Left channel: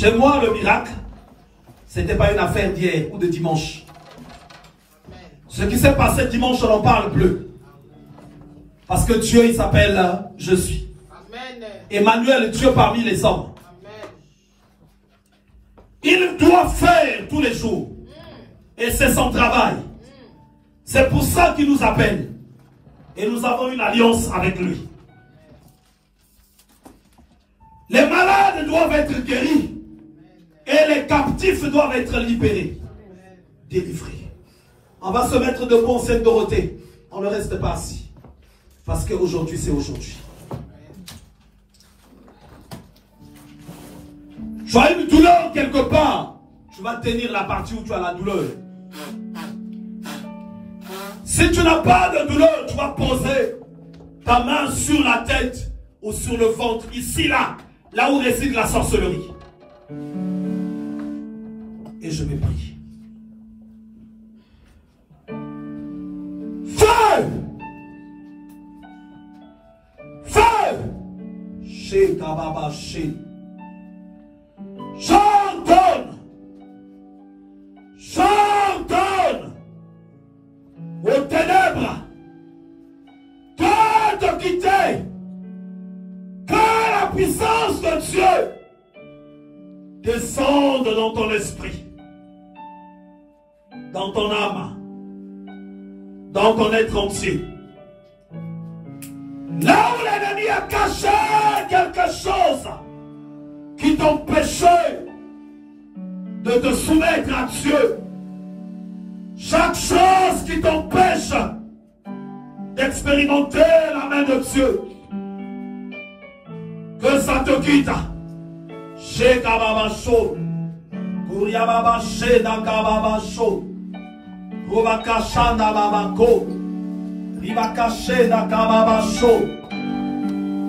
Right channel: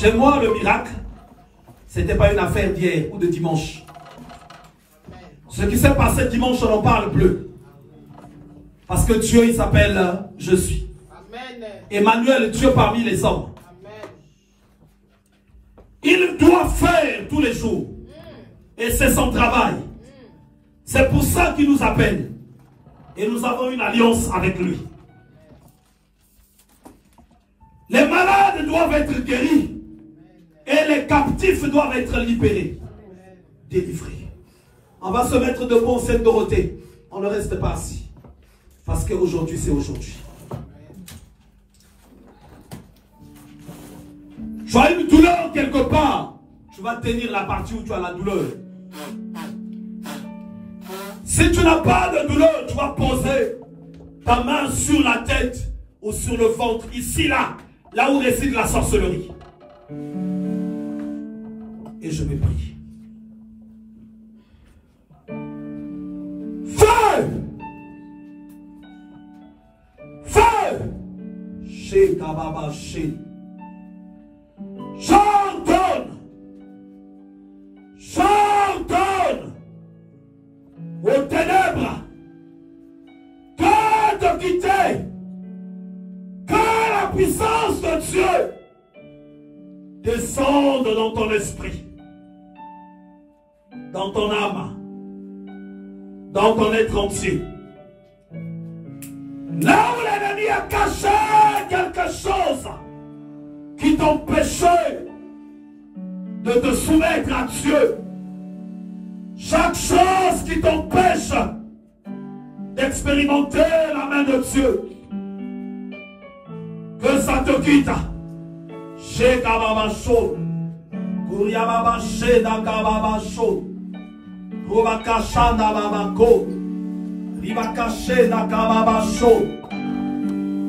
Chez moi, le miracle, ce n'était pas une affaire d'hier ou de dimanche. Ce qui s'est passé dimanche, on n'en parle plus. Parce que Dieu, il s'appelle Je suis. Emmanuel, Dieu parmi les hommes. Il doit faire tous les jours. Et c'est son travail. C'est pour ça qu'il nous appelle. Et nous avons une alliance avec lui. Les malades doivent être guéris. Et les captifs doivent être libérés. Délivrés. On va se mettre debout en Sainte-Dorothée. On ne reste pas assis. Parce qu'aujourd'hui, c'est aujourd'hui. Tu as une douleur quelque part. Tu vas tenir la partie où tu as la douleur. Si tu n'as pas de douleur, tu vas poser ta main sur la tête ou sur le ventre. Ici, là où réside la sorcellerie. Et je vais prier. Feu! Feu! Chez Kababa, chez. J'ordonne aux ténèbres de te quitter, que la puissance de Dieu descende dans ton esprit, dans ton âme, dans ton être entier. Là où l'ennemi a caché quelque chose qui t'empêchait de te soumettre à Dieu, chaque chose qui t'empêche d'expérimenter la main de Dieu, que ça te quitte. Chez Kababacho, Kouriababa Sheda Kababacho, Rovakashana Babako, Rivakasheda Kababacho,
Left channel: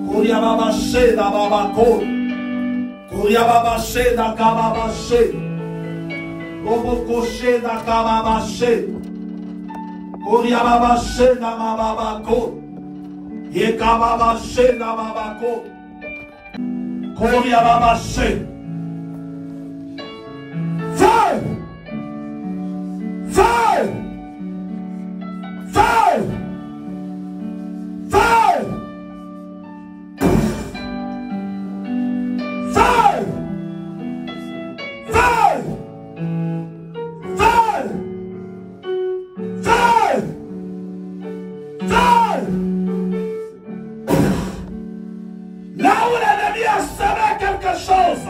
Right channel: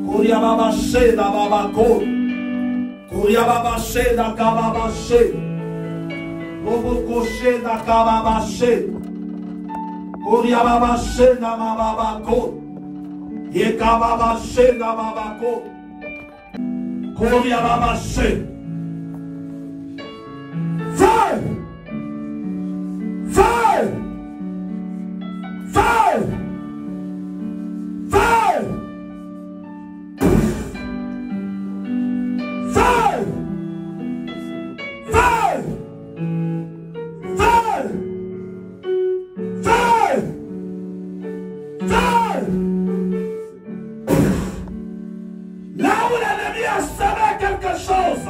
Kouriababa Sheda Babako, Kouriababa Sheda Kababache, Roboko Sheda Kababache, Kouriababa Sheda Babako, Yekababa Sheda Babako, Kouriababa Sheda. Feu! Feu! Feu! Feu! Feu! Feu! Feu! Feu! Feu! Là où l'ennemi a semé quelque chose,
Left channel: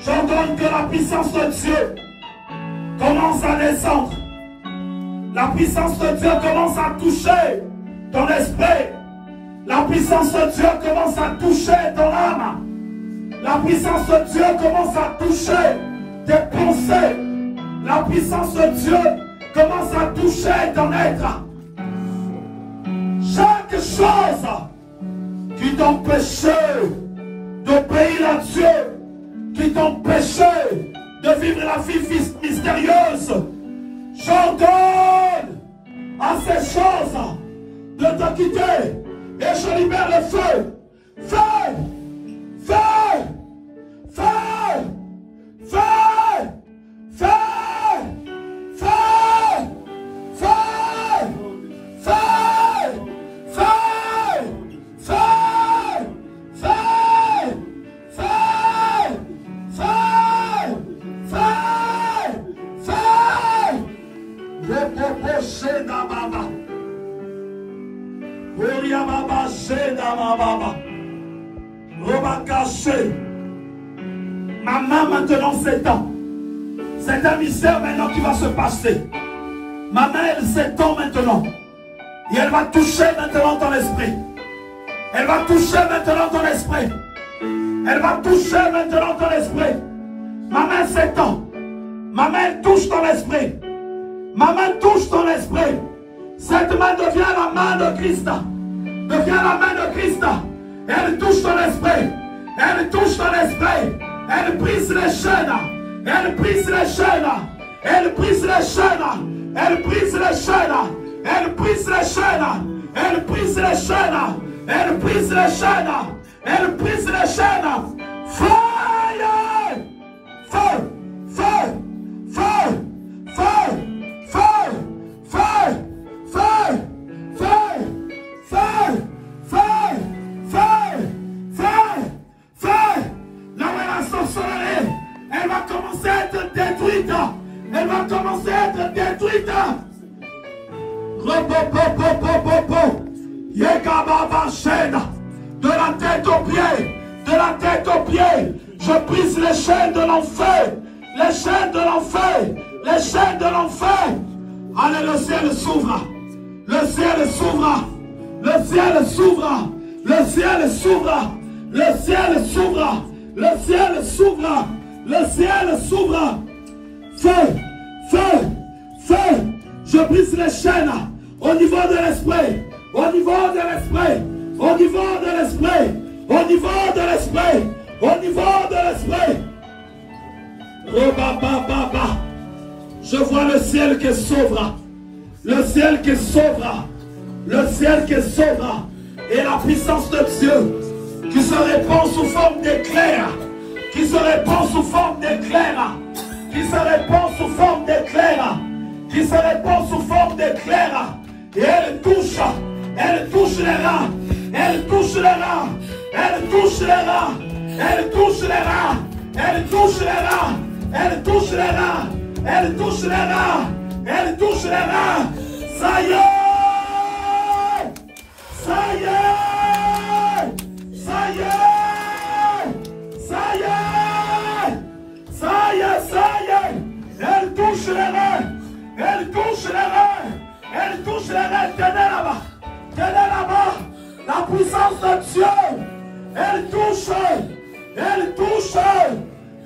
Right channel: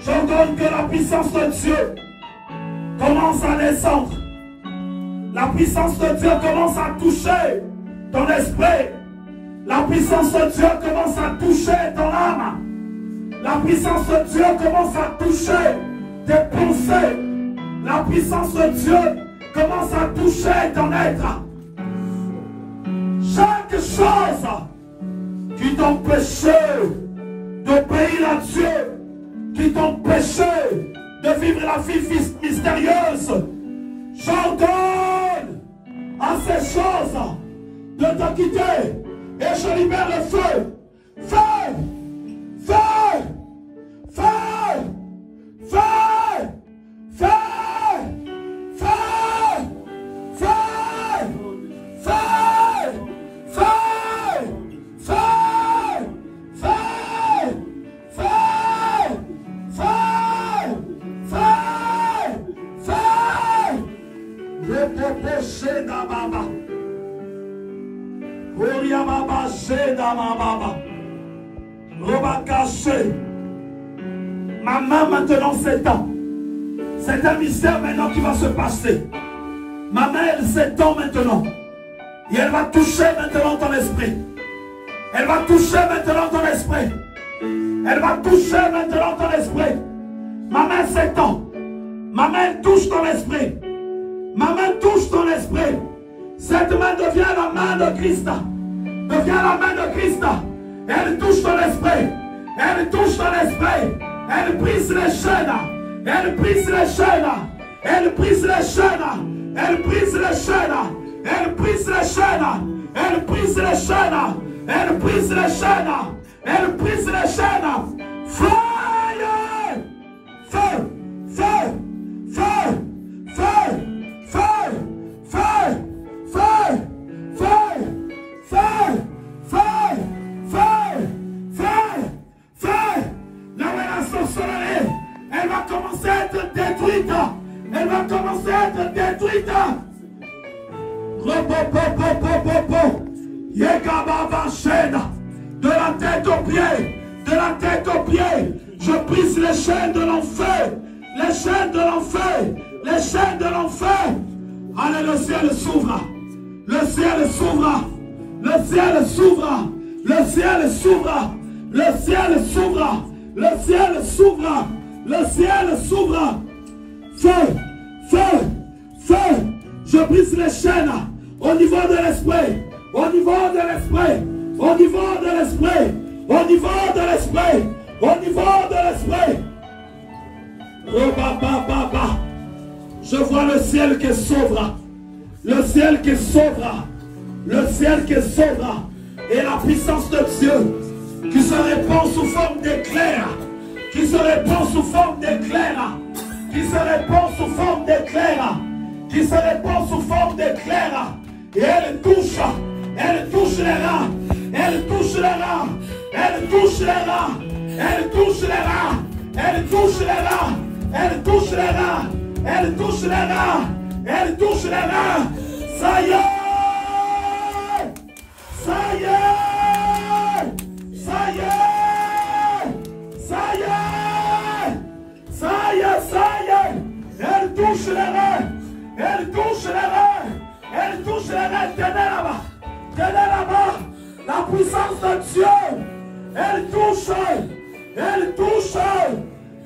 j'ordonne que la puissance de Dieu commence à descendre. La puissance de Dieu commence à toucher ton esprit. La puissance de Dieu commence à toucher ton âme. La puissance de Dieu commence à toucher tes pensées. La puissance de Dieu commence à toucher ton être. Chaque chose qui t'empêchait d'obéir à Dieu, qui t'empêchait de vivre la vie mystérieuse, j'ordonne à ces choses de te quitter et je libère le feu. Feu! Feu! Feu! Feu! Feu! Feu! Feu! Feu! Feu! Feu! Ma main maintenant s'étend. C'est un mystère maintenant qui va se passer. Ma main elle s'étend maintenant. Et elle va toucher maintenant ton esprit. Elle va toucher maintenant ton esprit. Elle va toucher maintenant ton esprit. Ma main s'étend. Ma main touche ton esprit. Ma main touche ton esprit. Cette main devient la main de Christ. Devient la main de Christ. Elle touche ton esprit. Elle touche ton esprit. Elle brise les chaînes. Elle brise les chaînes. Elle brise les chaînes. Elle brise les chaînes. Elle brise les chaînes. Elle brise les chaînes. Elle brise les chaînes. Elle brise les chaînes. Fire! De la tête aux pieds, de la tête aux pieds, je brise les chaînes de l'enfer, les chaînes de l'enfer, les chaînes de l'enfer. Allez, le ciel s'ouvre, le ciel s'ouvre, le ciel s'ouvre, le ciel s'ouvre, le ciel s'ouvre, le ciel s'ouvre, le ciel s'ouvre. Feu, feu, feu, je brise les chaînes au niveau de l'esprit, au niveau de l'esprit, au niveau de l'esprit, au niveau de l'esprit, au niveau de l'esprit. Je vois le ciel qui s'ouvre, le ciel qui s'ouvre, le ciel qui s'ouvre, et la puissance de Dieu qui se répand sous forme d'éclair, qui se répand sous forme d'éclair, qui se répand sous forme d'éclair, qui se répand sous forme d'éclair, et elle touche les rats, elle touche les rats, elle touche les rats, elle touche les rats, elle touche les rats, elle touche les rats, elle touche les rats, elle touche les rats. Ça y est, ça y est, ça y est, ça y est, ça y est, ça y est. Elle touche les rats, elle touche les rats, elle touche les rats. Tenez là-bas, tenez là-bas. La puissance de Dieu, elle touche, elle touche,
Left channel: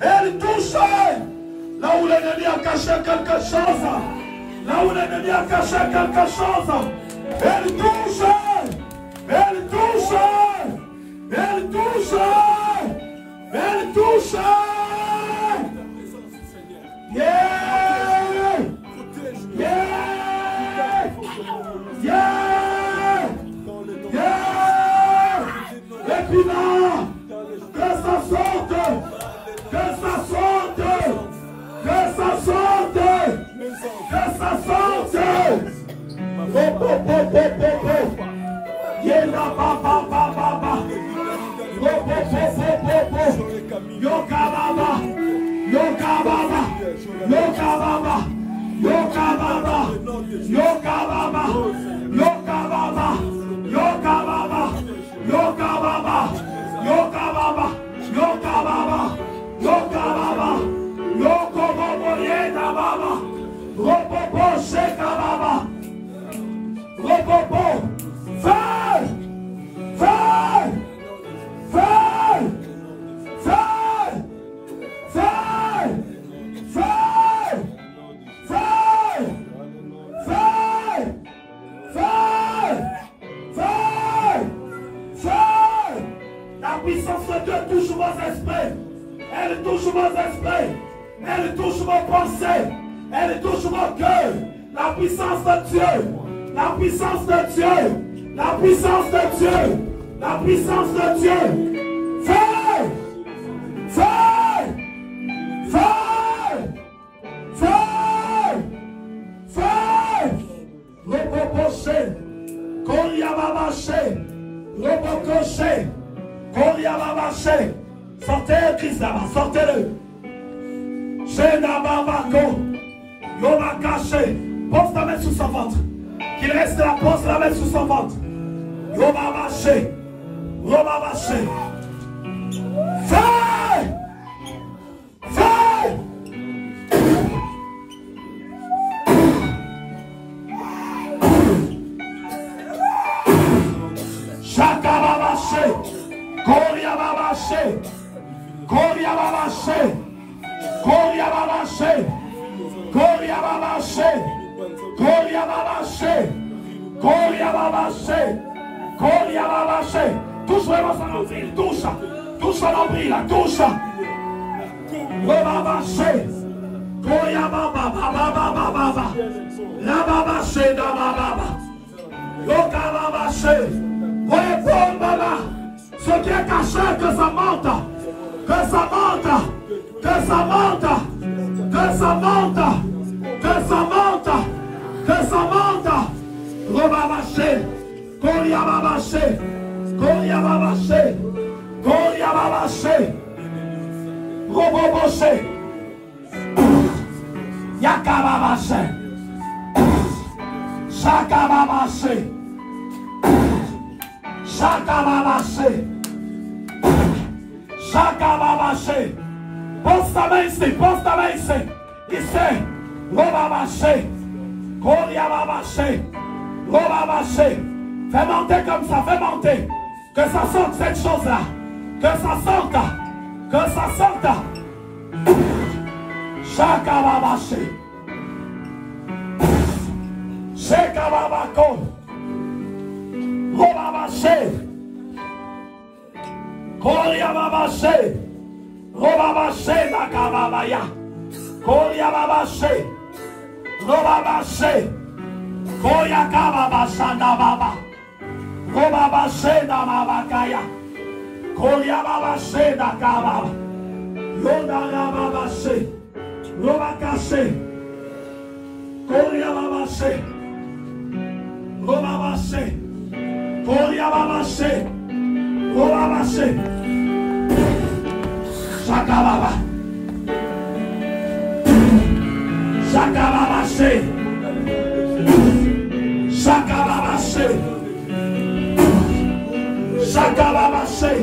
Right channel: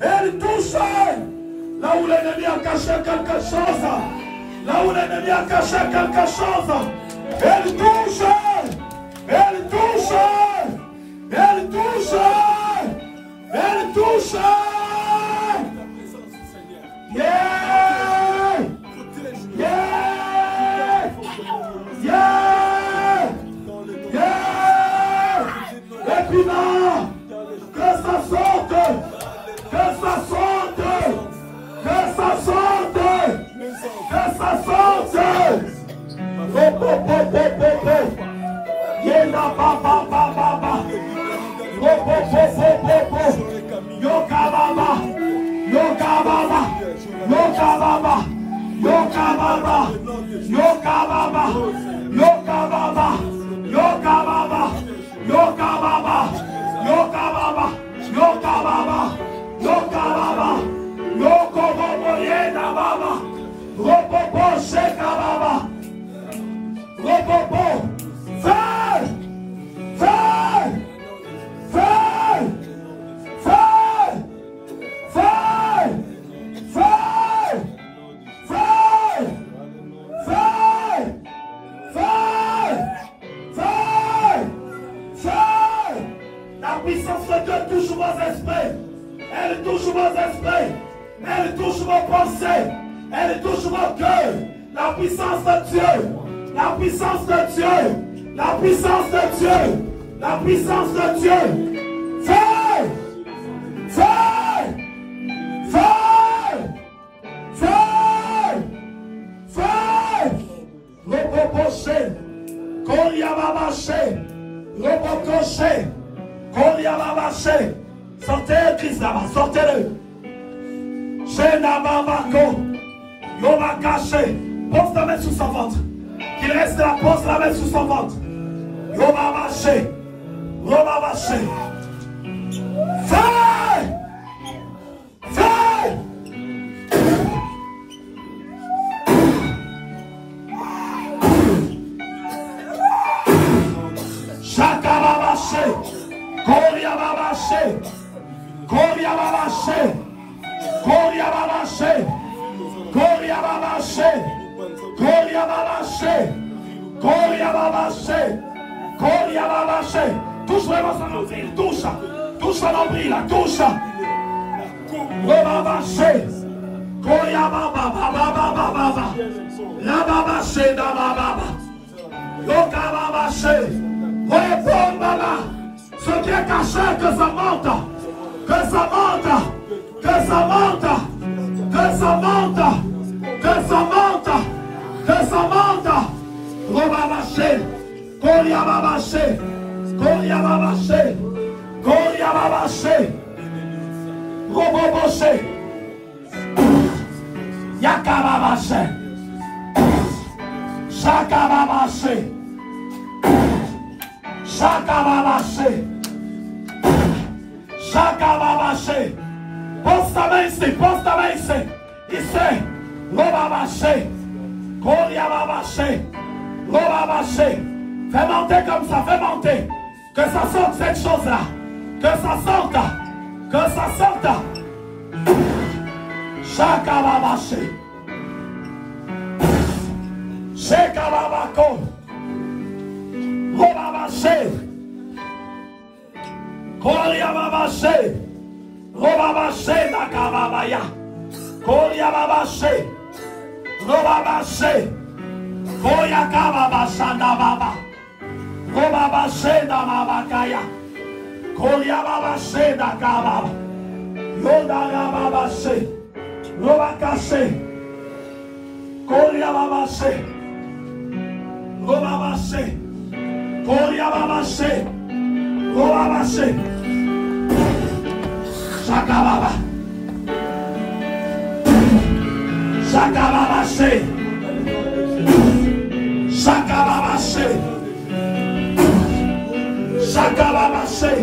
elle touche. Là où l'ennemi a caché quelque chose, là où l'ennemi a caché quelque chose, elle touche, elle touche, elle touche, elle touche. Yeah, yeah, yeah, yeah. Et puis là, que ça sorte, que ça sorte, que ça sorte, que ça sorte. Sortez, Christ, sortez-le. Pose ta main sous son ventre. Qu'il reste là, pose ta main sous son ventre. Fais! Fais! Chakalabaché! Koriababaché! Koriababaché! Koriababaché! Koriababaché! Koriababaché! Koriababaché! Koriababaché! Touche vraiment son nombril, touche! Touche son nombril, touche! Koriababaché! Koriabababababababa! Lababaché, dabababa! Yokababaché! Réponds, maman! Ce qui est caché, que ça monte! Que ça monte! Que ça monte! Que ça monte! Que ça monte! Que ça monte! Robabaché! Koriababaché! Koriababaché! Koriababaché! Roboboché! Yakababaché! Shakababaché! Babaché. Chaka Babaché. Pose ta main ici, pose ta main ici. Ici. Babaché. Koria Babaché. Babaché. Fais monter comme ça, fais monter. Que ça sorte cette chose-là. Que ça sorte. Que ça sorte. Chaka Babaché. Chaka Babako. Babaché. Koria Babaché. Babaché Nakababaya. Koria Babaché. Babaché. Koya Kababashanda Baba. Babaché Namabakaya. Koria Babaché Nakaba. Yoda Babaché. Robakaché. Koria Babaché. Babaché. Koria Babaché. Babaché. Chaka Baba. Chaka Babaché. Chaka Babaché. Chaka Babaché.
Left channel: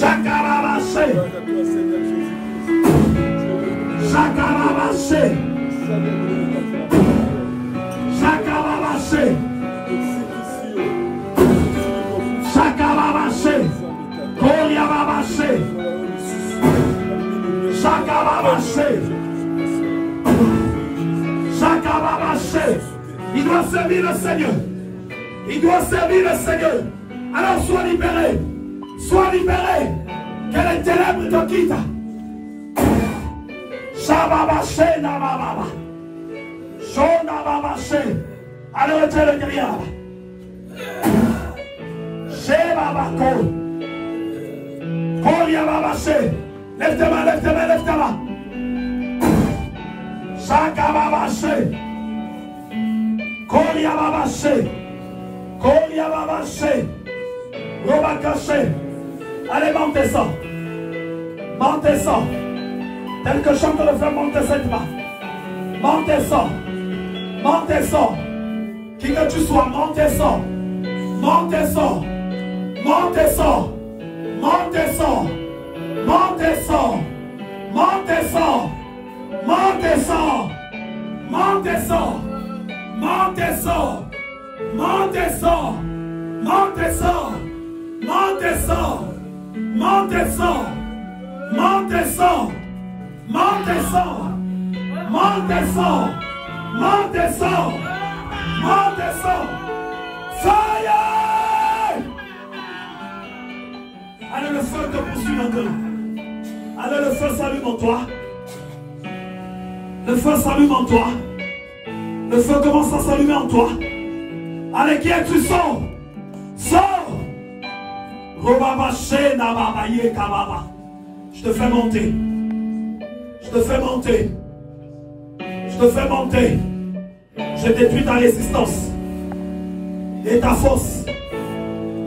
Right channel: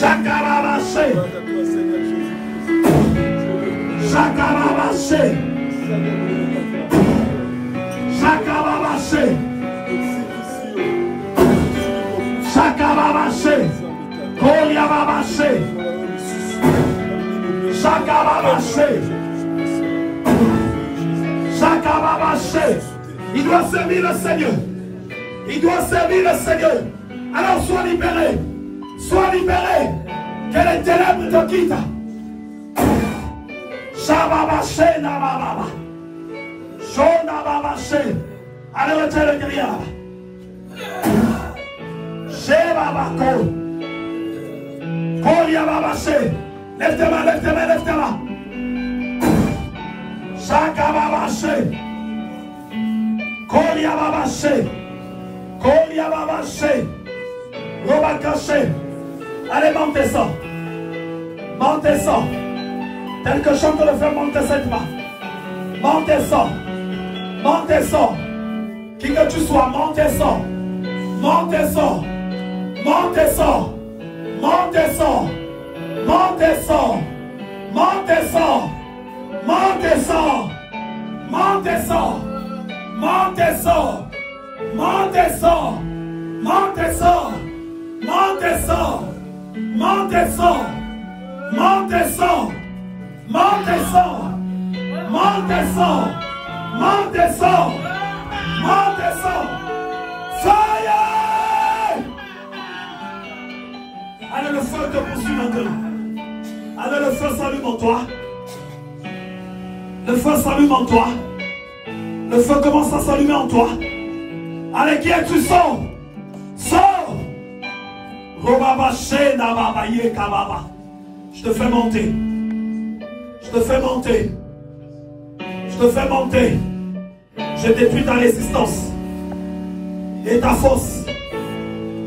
Chaka Babaché. Chaka Babaché. Chaka Babaché. Chaka Babaché. Koria Babaché. Chaka Babaché. Chaka Babaché. Il doit servir le Seigneur. Il doit servir le Seigneur. Alors sois libéré. Sois libéré. Que les ténèbres te quittent. Shababaché Nababa. Shona Babaché. Allez, retirez le derrière. Shebabako. Koria Babaché. Lève tes mains, lève tes mains, lève tes mains. Chaka Babaché. Koria Babaché. Koria Babaché. Robakaché. Allez, montez ça. Montez ça. Tel que chante le fait monter cette main. Montez ça. Montez ça. Qui que tu sois, montez ça. Montez ça. Montez ça. Montez ça. Montez ça. Montez ça. Montez ça. Montez ça. Montez ça. Montez ça. Montez ça. Montez ça. Montez ça. Montez ça. Montez ça. Montez ça. Montez ça. Montez ça. Fire! Allez, le feu te poursuit maintenant. Allez, le feu s'allume en toi. Le feu s'allume en toi. Le feu commence à s'allumer en toi. Allez, qui es-tu? Sors. Sors. Robabaché Nababaye Kababa. Je te fais monter. Je te fais monter. Je te fais monter. Je détruis ta résistance et ta force.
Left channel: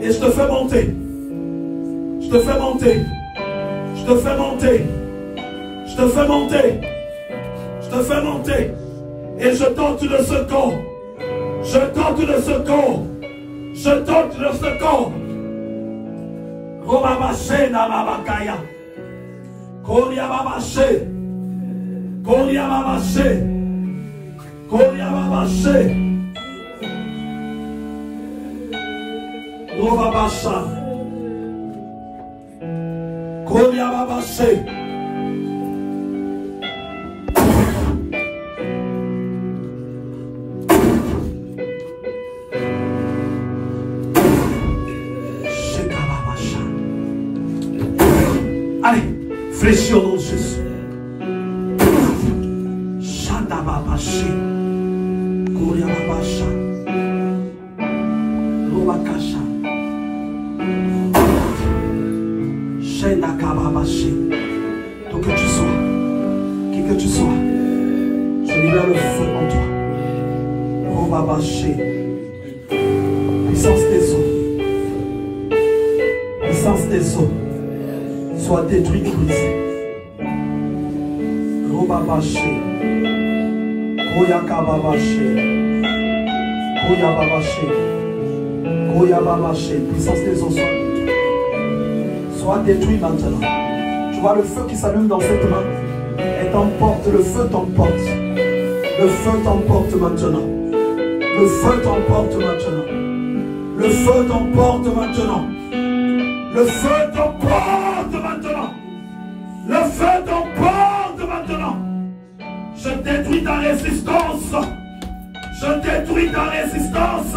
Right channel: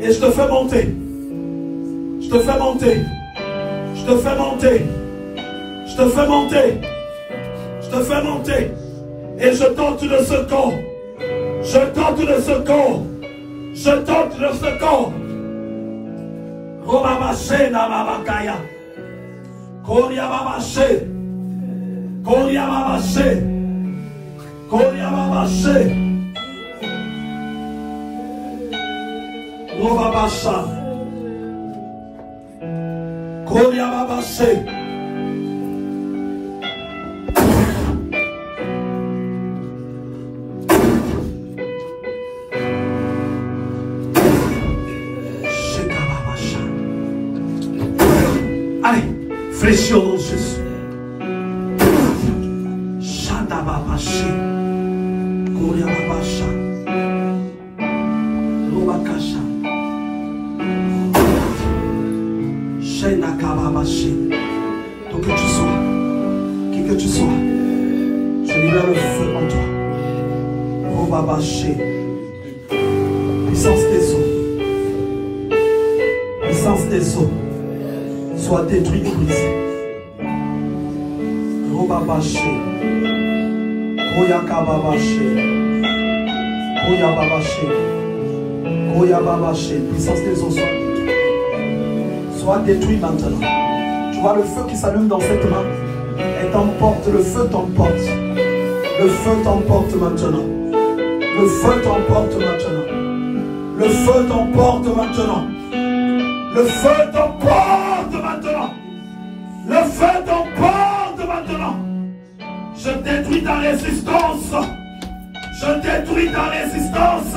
Et je te fais monter. Je te fais monter. Je te fais monter. Je te fais monter. Je te fais monter. Et je tente le secours. Je tente le secours. Je tente le secours. Robabaché Namabakaya. Koria Babaché. Koria Babaché. Koria Babaché. Robabacha. Koria Babaché. Allez, fléchis au nom de Jésus. Shadababaché. Koria Babacha. Robakacha. Shenakababaché. Donc que tu sois, qui que tu sois, je libère le feu en toi. Robabaché. Puissance des eaux. Puissance des eaux. Soit détruit et brisé. Robabaché. Koyakababaché. Koyababaché. Oh Yababaché, puissance des eaux, sois détruit maintenant. Tu vois le feu qui s'allume dans cette main et t'emporte, le feu t'emporte. Le feu t'emporte maintenant. Le feu t'emporte maintenant. Le feu t'emporte maintenant. Le feu t'emporte maintenant. Le feu t'emporte maintenant. Je détruis ta résistance. Je détruis ta résistance.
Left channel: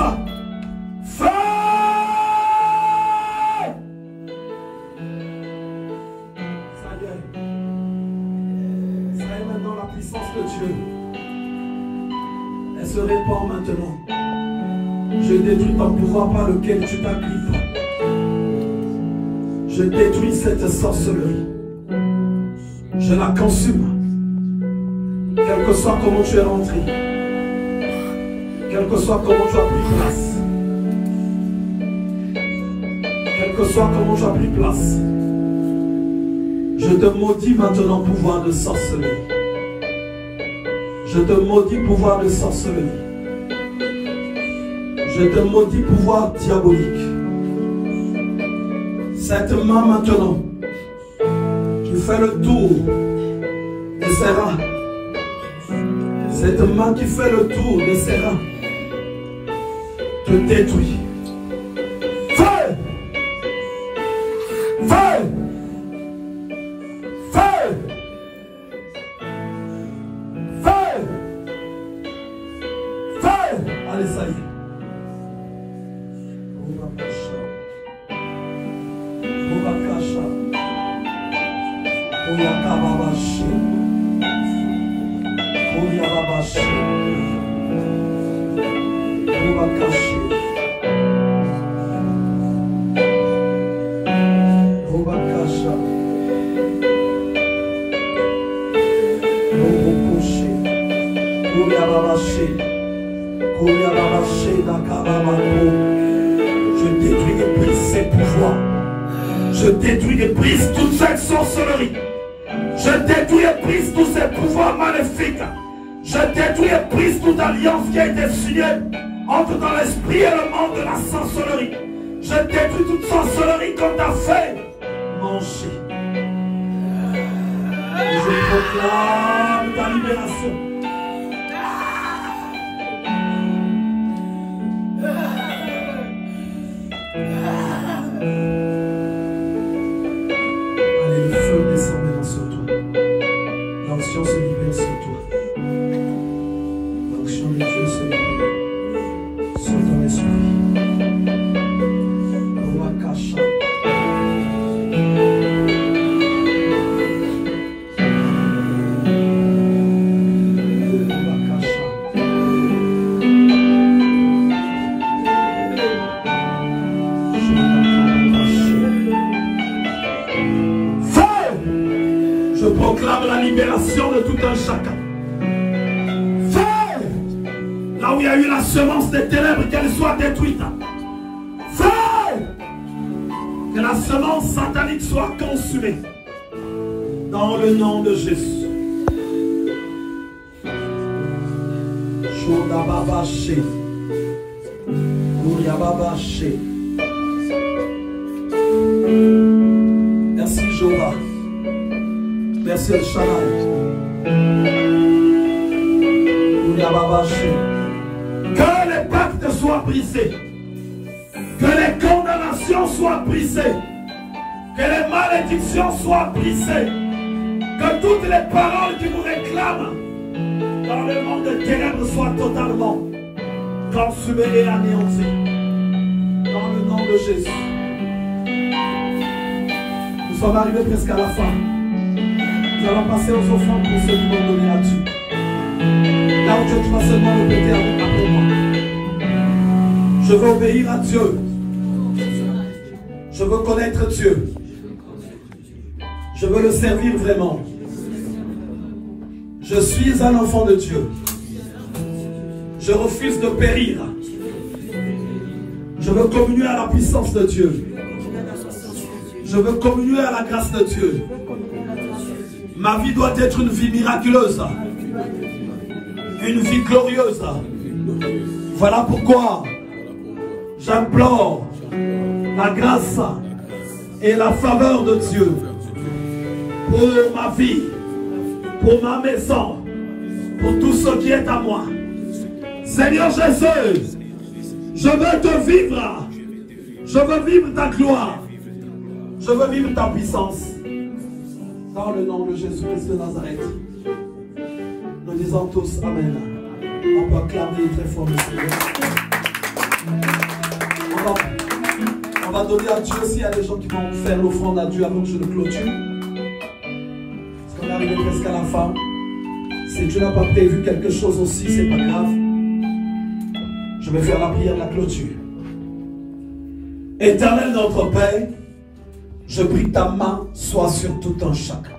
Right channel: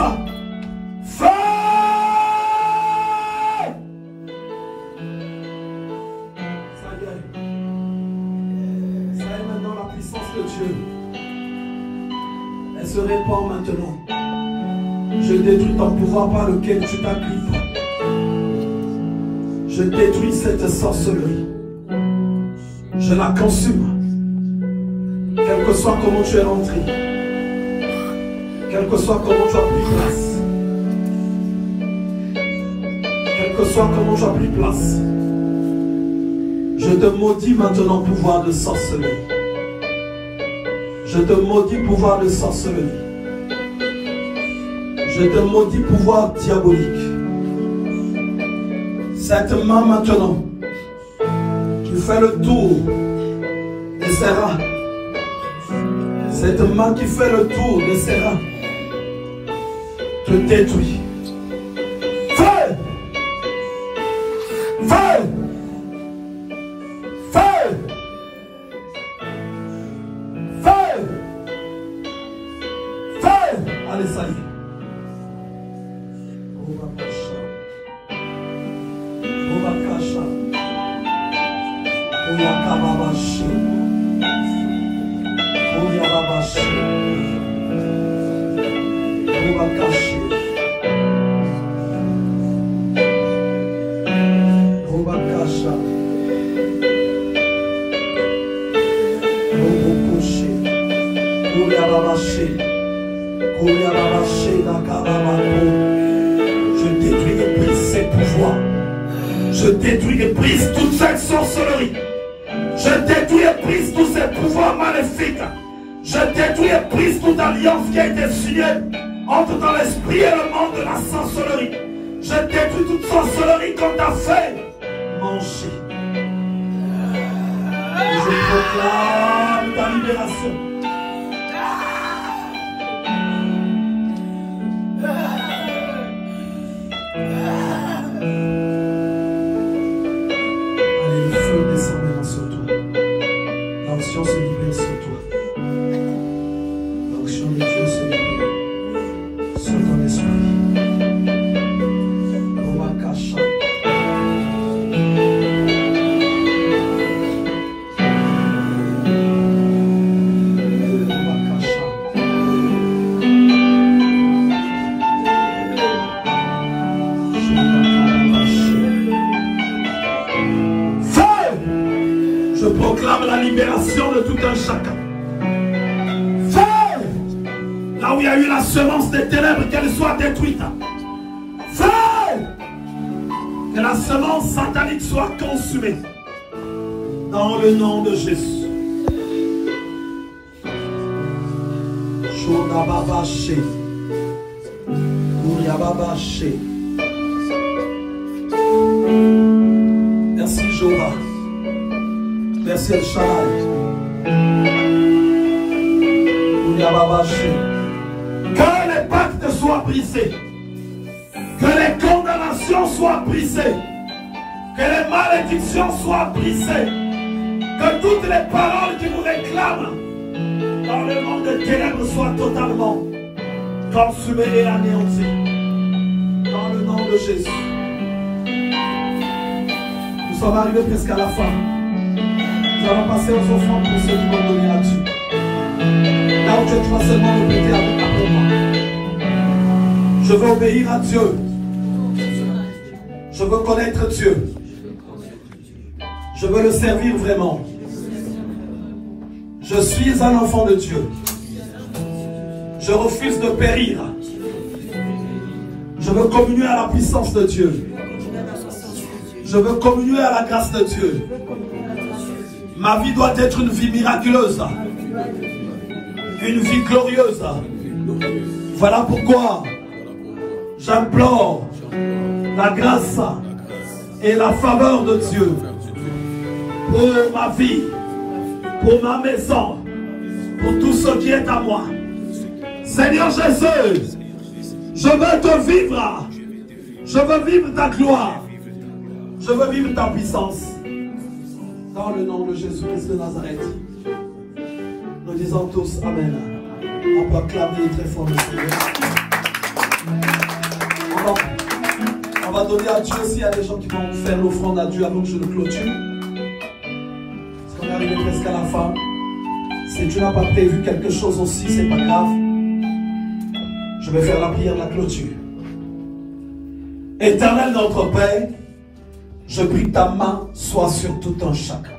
Feu! Ça y est. Ça y est maintenant la puissance de Dieu. Elle se répand maintenant. Je détruis ton pouvoir par lequel tu t'appliques. Je détruis cette sorcellerie. Je la consume. Quel que soit comment tu es rentré. Quel que soit comment tu as pris place. Quel que soit comment tu as pris place. Je te maudis maintenant, pouvoir de sorcellerie. Je te maudis, pouvoir de sorcellerie. Je te maudis, pouvoir diabolique. Cette main maintenant, qui fait le tour de ses reins. Cette main qui fait le tour de ses reins, te détruit. Feu! Feu! Feu! Feu! Feu! Allez, ça y est. Je détruis et brise ses pouvoirs. Je détruis et brise toute cette sorcellerie. Je détruis et brise tous ces pouvoirs maléfiques. Je détruis et brise toute alliance qui a été signée entre dans l'esprit et le monde de la sorcellerie. Je détruis toute sorcellerie qu'on t'a fait manger. Je proclame ta libération. Je proclame la libération de tout un chacun. Feu! Là où il y a eu la semence des ténèbres, qu'elle soit détruite. Feu! Que la semence satanique soit consumée. Dans le nom de Jésus. Shogababaché. Kouriababaché. Merci Jéhovah. Merci El Shaddai. Que les pactes soient brisés. Que les condamnations soient brisées. Que les malédictions soient brisées. Que toutes les paroles qui vous réclament dans le monde de ténèbres soient totalement consumées et anéanties. Dans le nom de Jésus. Nous sommes arrivés presque à la fin. Nous allons passer aux offrandes pour ceux qui vont donner là-dessus. Là où tu vas seulement répéter après moi. Je veux obéir à Dieu. Je veux connaître Dieu. Je veux le servir vraiment. Je suis un enfant de Dieu. Je refuse de périr. Je veux communier à la puissance de Dieu. Je veux communier à la grâce de Dieu. Ma vie doit être une vie miraculeuse. Une vie glorieuse. Voilà pourquoi j'implore la grâce et la faveur de Dieu pour ma vie, pour ma maison, pour tout ce qui est à moi. Seigneur Jésus, je veux te vivre. Je veux vivre ta gloire. Je veux vivre ta puissance. Dans le nom de Jésus-Christ de Nazareth. Nous disons tous Amen. On va acclamer très fort le Seigneur. On va donner à Dieu. S'il y a des gens qui vont faire l'offrande à Dieu avant que je ne clôture. Parce qu'on est arrivé presque à la fin. Si Dieu n'a pas prévu quelque chose aussi, c'est pas grave. Je vais faire la prière de la clôture. Éternel notre Père, je prie que ta main soit sur tout un chacun.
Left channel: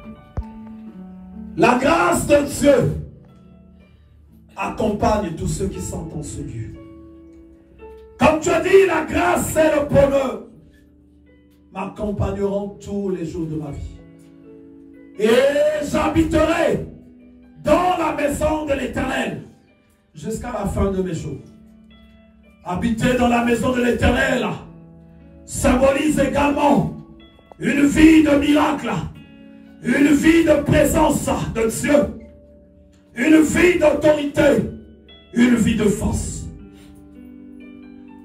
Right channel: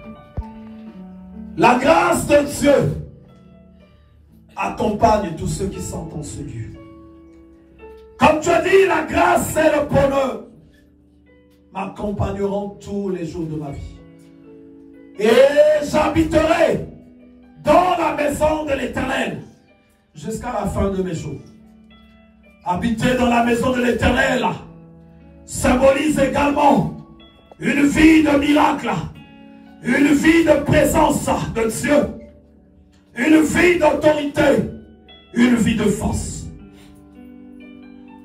La grâce de Dieu accompagne tous ceux qui sont en ce lieu. Comme tu as dit, la grâce et le bonheur m'accompagneront tous les jours de ma vie. Et j'habiterai dans la maison de l'Éternel jusqu'à la fin de mes jours. Habiter dans la maison de l'Éternel symbolise également une vie de miracle, une vie de présence de Dieu, une vie d'autorité, une vie de force.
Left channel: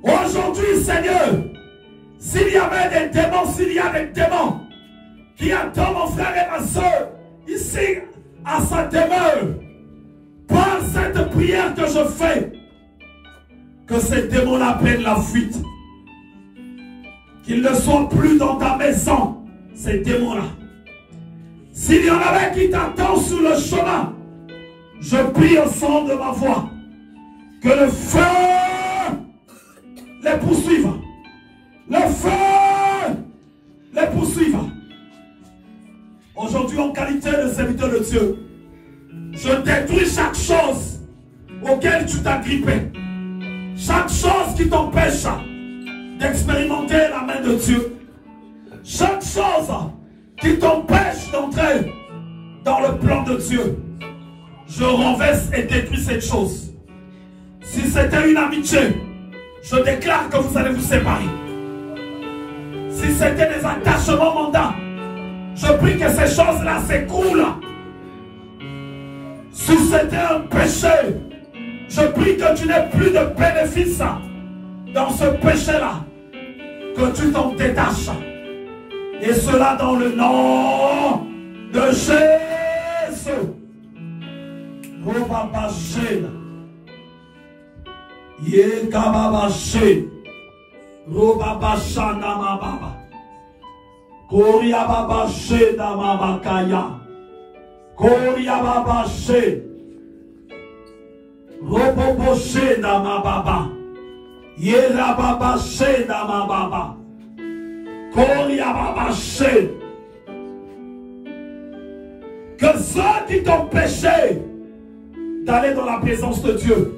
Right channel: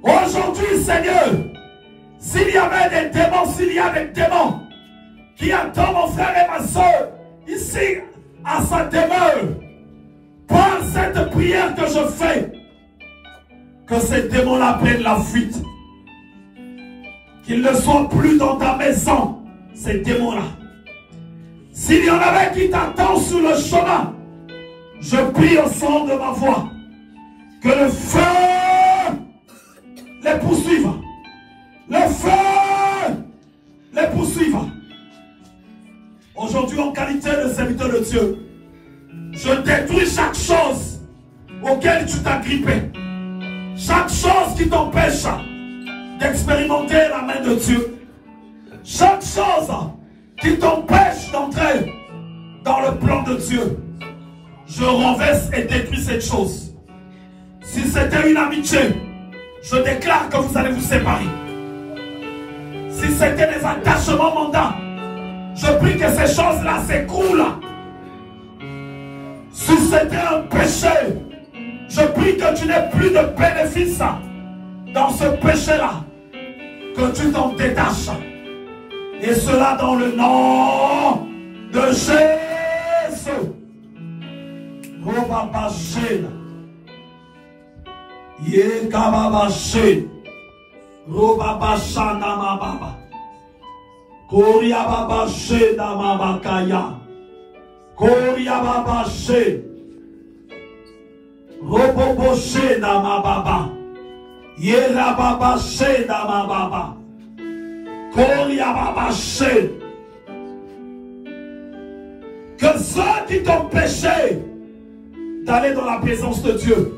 Aujourd'hui, Seigneur, s'il y avait des démons, s'il y a des démons qui attendent mon frère et ma soeur ici à sa demeure, par cette prière que je fais, que ces démons-là prennent la fuite. Qu'ils ne soient plus dans ta maison, ces démons-là. S'il y en avait qui t'attendent sur le chemin, je prie au son de ma voix que le feu les poursuive. Le feu les poursuive. Aujourd'hui, en qualité de serviteur de Dieu, je détruis chaque chose auquel tu t'as grippé. Chaque chose qui t'empêche d'expérimenter la main de Dieu. Chaque chose qui t'empêche d'entrer dans le plan de Dieu. Je renverse et détruis cette chose. Si c'était une amitié, je déclare que vous allez vous séparer. Si c'était des attachements mandats, je prie que ces choses-là s'écroulent. Si c'était un péché, je prie que tu n'aies plus de bénéfice dans ce péché-là, que tu t'en détaches. Et cela dans le nom de Jésus. Robabashena. Yekababashena. Robabashana mababa. Koriababashena mabakaya. Koriababashena. Roboboshena mababa. Yerababashena mababa. Koriababashena. Que ceux qui t'ont péché d'aller dans la présence de Dieu,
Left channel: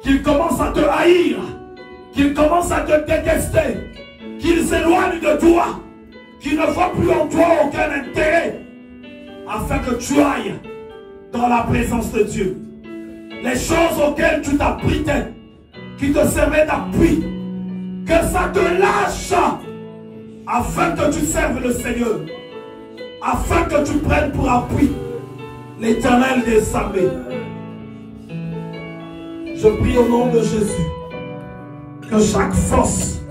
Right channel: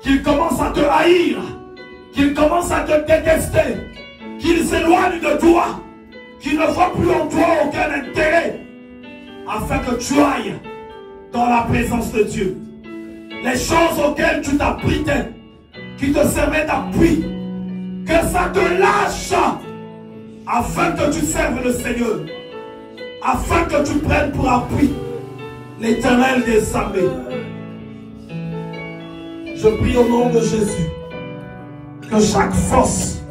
qu'ils commencent à te haïr, qu'ils commencent à te détester, qu'ils s'éloignent de toi, qu'ils ne voient plus en toi aucun intérêt, afin que tu ailles dans la présence de Dieu. Les choses auxquelles tu t'abritais, qui te servaient d'appui, que ça te lâche, afin que tu serves le Seigneur, afin que tu prennes pour appui l'Éternel des armées. Je prie au nom de Jésus que chaque force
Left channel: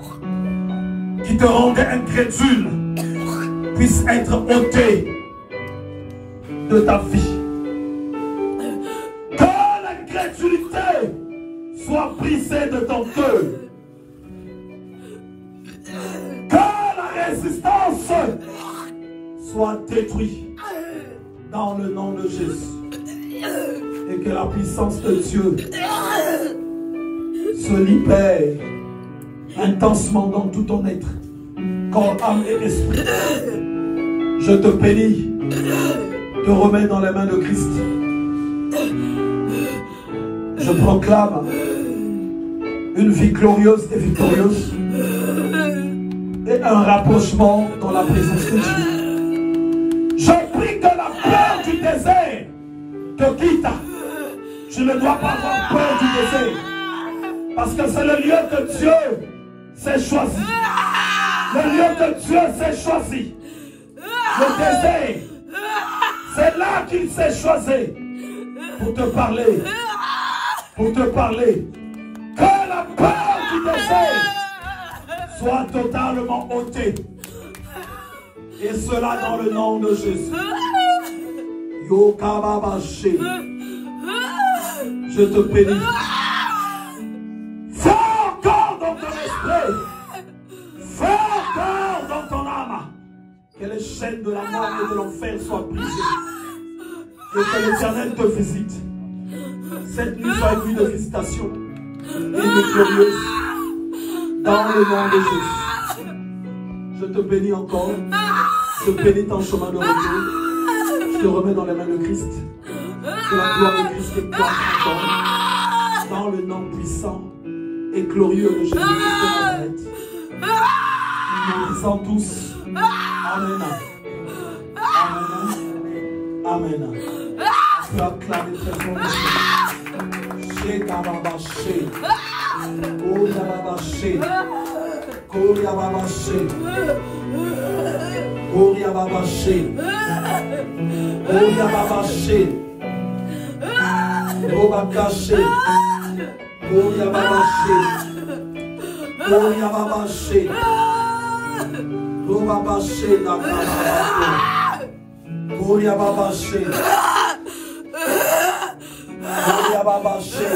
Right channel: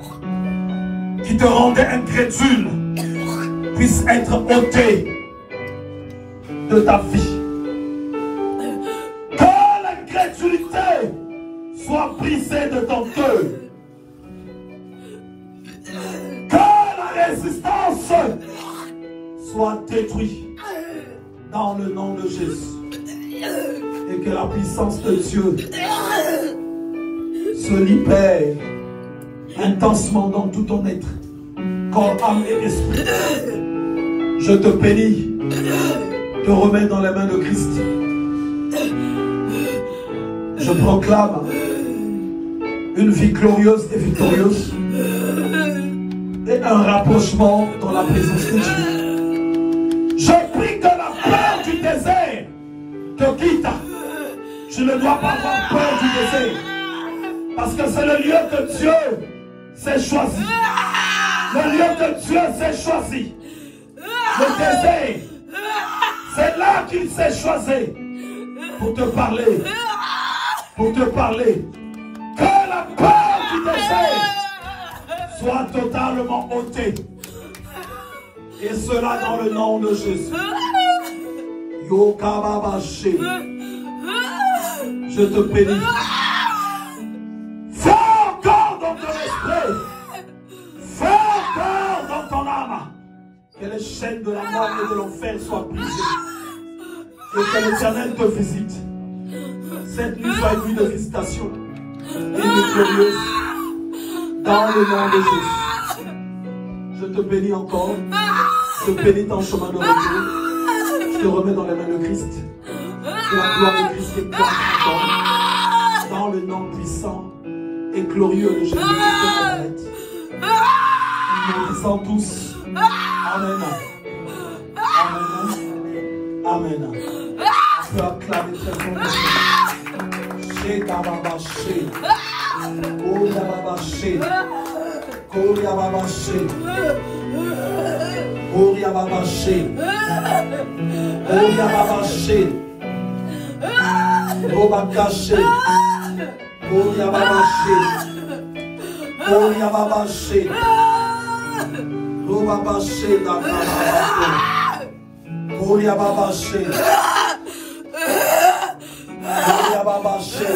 qui te rendait incrédule puisse être ôtée de ta vie. Que l'incrédulité soit brisée de ton cœur. Que la résistance soit détruite dans le nom de Jésus. Et que la puissance de Dieu se libère intensement dans tout ton être, corps, âme et esprit. Je te bénis, te remets dans les mains de Christ. Je proclame une vie glorieuse et victorieuse et un rapprochement dans la présence de Dieu. Je prie que la peur du désert te quitte. Tu ne dois pas avoir peur du désert, parce que c'est le lieu que Dieu s'est choisi. Le lieu de Dieu s'est choisi. Le désert, c'est là qu'il s'est choisi pour te parler. Pour te parler. Que la peur du désert soit totalement ôtée. Et cela dans le nom de Jésus. Yokababaché. Je te bénis. Fais encore dans ton esprit. Fais encore dans ton âme. Que les chaînes de la mort et de l'enfer soient brisées. Et que l'Éternel te visite. Cette nuit soit une nuit de visitation. Une nuit glorieuse. Dans le nom de Jésus. Je te bénis encore. Je bénis ton chemin de retour. Je te remets dans les mains de Christ. Que la gloire de Christ éclate encore. Dans le nom puissant et glorieux de Jésus-Christ de Nazareth. Nous disons tous Amen. Amen. Amen. Tu as acclamé très fort. Shekababaché. Koyababaché. Koyababaché. Koyababaché. Koyababaché. Robakaché. Koyababaché. Koyababaché. Robabaché d'Akababaché. Koyababaché. Koyababaché.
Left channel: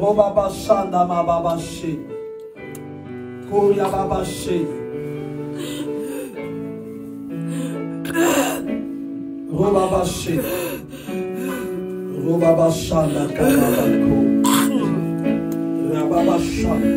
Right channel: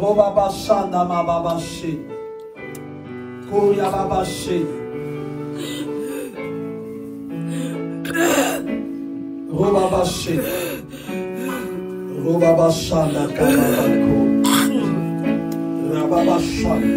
Robabashanda Mababaché. Koyababaché. Robabaché. Robabashanda Kababako. Rababashanda.